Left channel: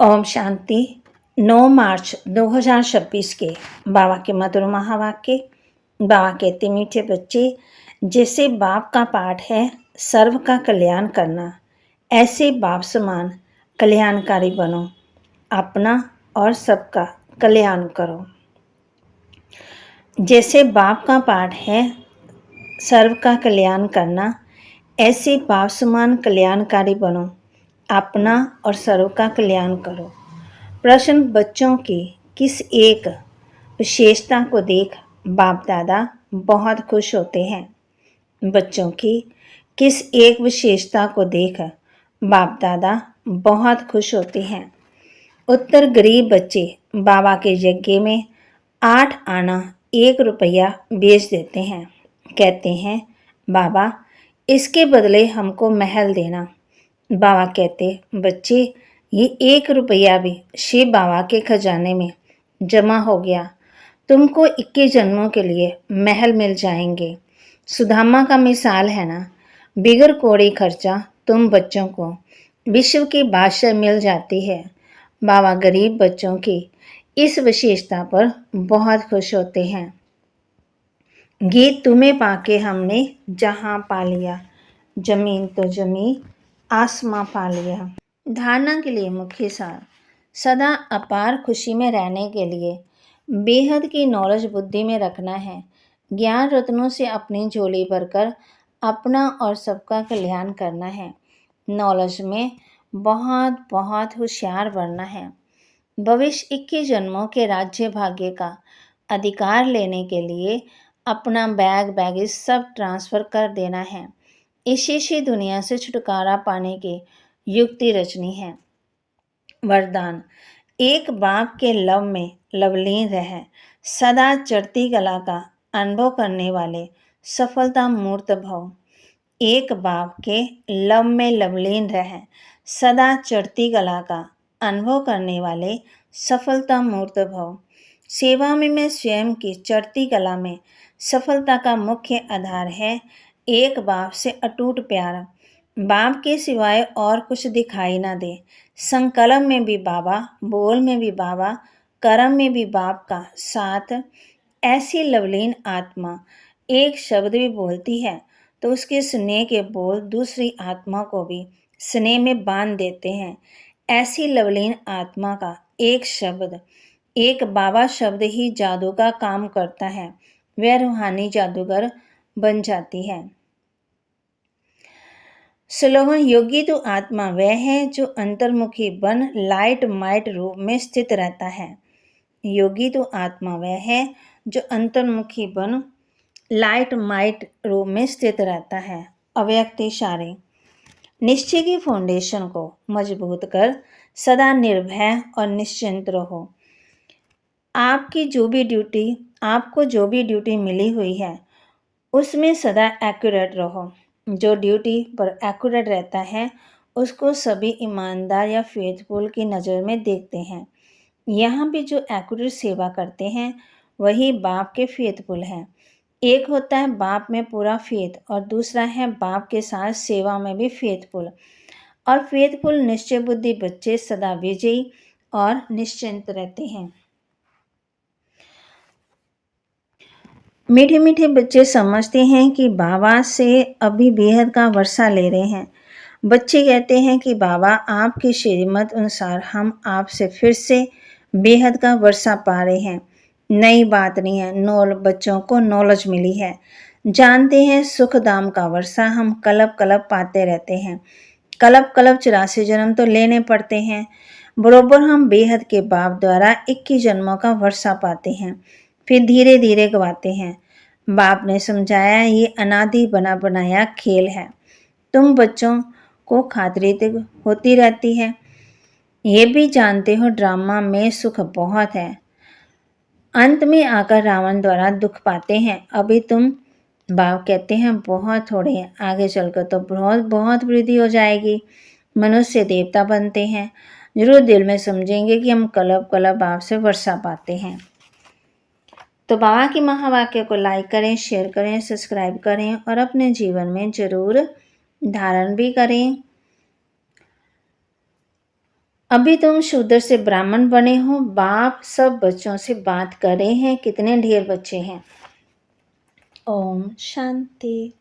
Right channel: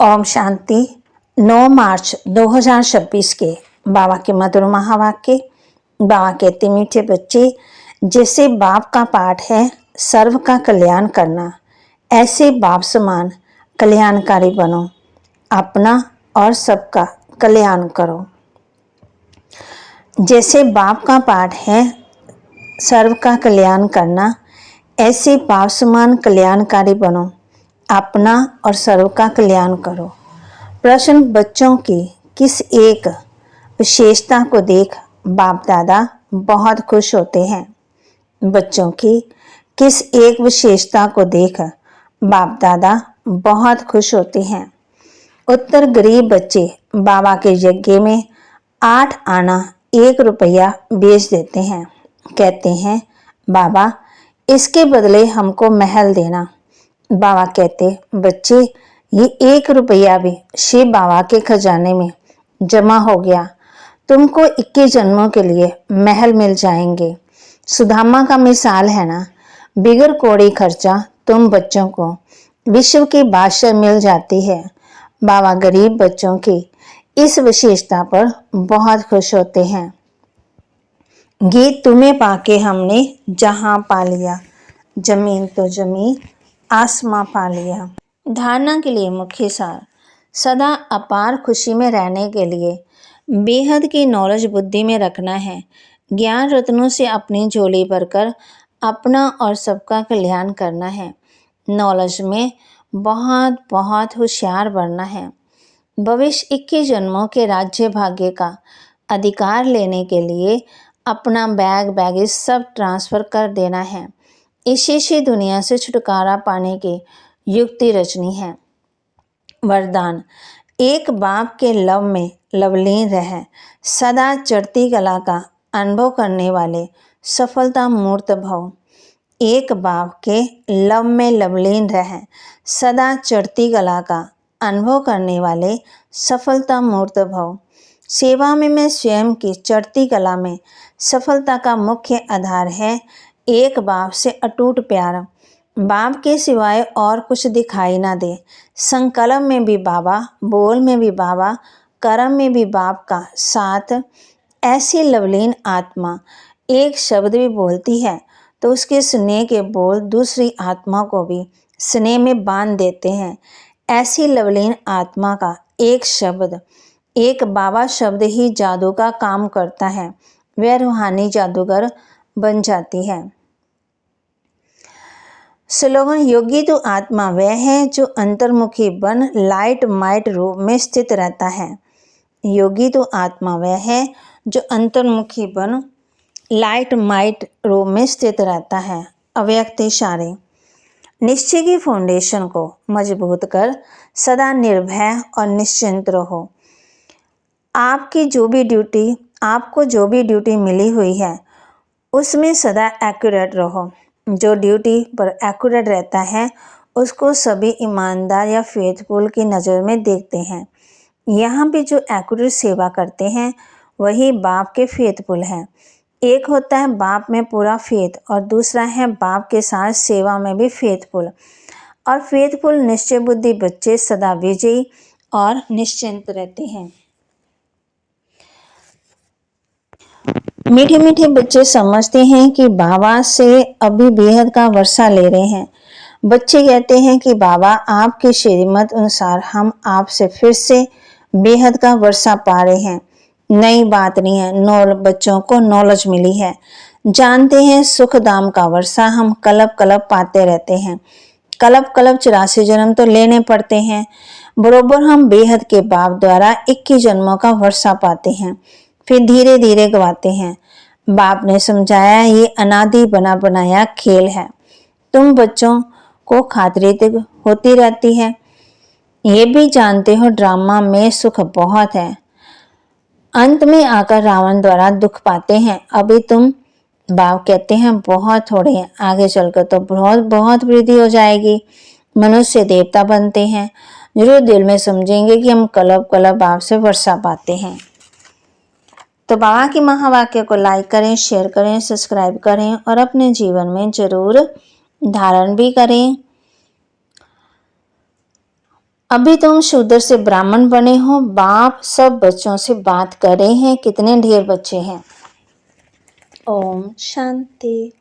ओम शांति। 9 मार्च 2026 के बाबा के मधुर महावाक्य। बाबा कहते मीठे बच्चे, जैसे बाप का पाठ है सर्व का कल्याण करना, ऐसे बाप समान कल्याणकारी बनो, अपना और सबका कल्याण करो। जैसे बाप का पाठ है सर्व का कल्याण करना, ऐसे बाप समान कल्याणकारी बनो, अपना और सर्व का कल्याण करो। प्रश्न, बच्चों की किस एक विशेषता को देख बाप दादा बहुत खुश होते हैं? बच्चों की किस एक विशेषता को देख बाप दादा बहुत खुश होते हैं? उत्तर, गरीब बच्चे बाबा के यज्ञ में 8 आना 1 रुपया बेच देते हैं। कहते हैं, बाबा इसके बदले हमको महल देना। बाबा कहते, बच्चे ये 1 रुपया भी शिव बाबा के खजाने में जमा हो गया, तुमको 21 जन्मों के लिए महल मिल जाएंगे। सुदामा का मिसाल है ना, बिगर कोड़ी खर्चा तुम बच्चों को विश्व की बादशाह मिल जाती है। बाबा गरीब बच्चों की इस विशेषता पर बहुत खुश होते हैं। गीत तुम्हें पाके हमने जहां पा लिया, जमीन तो जमी आसमां पा लिया। धारणा के लिए मुख्य सार, सदा अपार खुशी में रहने के लिए बेहद की नॉलेज बुद्धि में रखना है। ज्ञान रत्नों से अपनी झोली भरकर अपना और सबका कल्याण करना है। नॉलेज में बहुत बहुत होशियार बनना है। भविष्य 21 जन्मों के राज्य भाग्य का अधिकार लेने के लिए अपना बैगेज सब ट्रांसफ़र कर देना है। इस शीशी दुनिया से छुटकारा पाने की युक्ति रचनी है। वरदान, एक बाप के लव में लवलीन रह, सदा चढ़ती कला का अनुभव करने वाले सफलता मूर्त भव। एक बाप के लव में लवलीन रह, सदा चढ़ती कला का अनुभव करने वाले सफलता मूर्त भव। सेवा में मैं स्वयं की चढ़ती कला में सफलता का मुख्य आधार है एक बाप से अटूट प्यार। बाप के सिवाय और कुछ दिखाई ना दे। संकल्प में भी बाबा, बोल में भी बाबा, कर्म में भी बाप का साथ। ऐसी लवलीन आत्मा एक शब्द भी बोलती है तो उसके स्नेह के बोल दूसरी आत्मा को भी स्नेह में बांध देते हैं। ऐसी लवलीन आत्मा का एक शब्द, एक बाबा शब्द ही जादू का काम करता है। वह रूहानी जादूगर बन जाती है। स्लोगन, योगी तो आत्मा वह है जो अंतर्मुखी बन लाइट माइट रूप में स्थित रहता है। योगी तो आत्मा वह है जो अंतर्मुखी बन लाइट माइट रूप में स्थित रहता है। अव्यक्त इशारे, निश्चय की फाउंडेशन को मजबूत कर सदा निर्भय और निश्चिंत रहो। आपको जो भी ड्यूटी मिली हुई है उसमें सदा एक्यूरेट रहो। जो ड्यूटी पर एक्यूरेट रहता है उसको सभी ईमानदार या फेथफुल की नज़र में देखते हैं। यहाँ भी जो एक्यूरेट सेवा करते हैं वही बाप के फेथफुल हैं। एक होता है बाप में पूरा फेथ और दूसरा है बाप के साथ सेवा में भी फेथफुल। और फेथफुल निश्चय बुद्धि बच्चे सदा विजयी और निश्चिंत रहते हैं। मीठे मीठे बच्चे समझते हैं कि बाबा से अभी बेहद का वर्षा ले रहे हैं। बच्चे कहते हैं कि बाबा आपके श्रीमत अनुसार हम आपसे फिर से बेहद का वर्षा पा रहे हैं। नई बात नहीं है, बच्चों को नॉलेज मिली है। जानते हैं सुख दाम का वर्षा हम कलब कलब पाते रहते हैं। कलब कलब 84 जन्म तो लेने पड़ते हैं। बरोबर हम बेहद के बाप द्वारा 21 जन्मों का वर्षा पाते हैं, फिर धीरे धीरे गवाते हैं। बाप ने समझाया ये अनादि बना बनाया खेल है। तुम बच्चों को खातिरत होती रहती है। ये भी जानते हो ड्रामा में सुख बहुत है, अंत में आकर रावण द्वारा दुख पाते हैं। अभी तुम बाप कहते हैं बहुत थोड़े हैं, आगे चलकर तो बहुत बहुत वृद्धि हो जाएगी। मनुष्य देवता बनते हैं। जरूर दिल में समझेंगे कि हम कलब कलब बाप से वर्षा पाते हैं। तो बाबा की महावाक्य को लाइक करें, शेयर करें, सब्सक्राइब करें और अपने जीवन में जरूर धारण भी करें। अभी तुम शूद्र से ब्राह्मण बने हो, बाप सब बच्चों से बात कर रहे हैं। कितने ढेर बच्चे हैं। ओम शांति।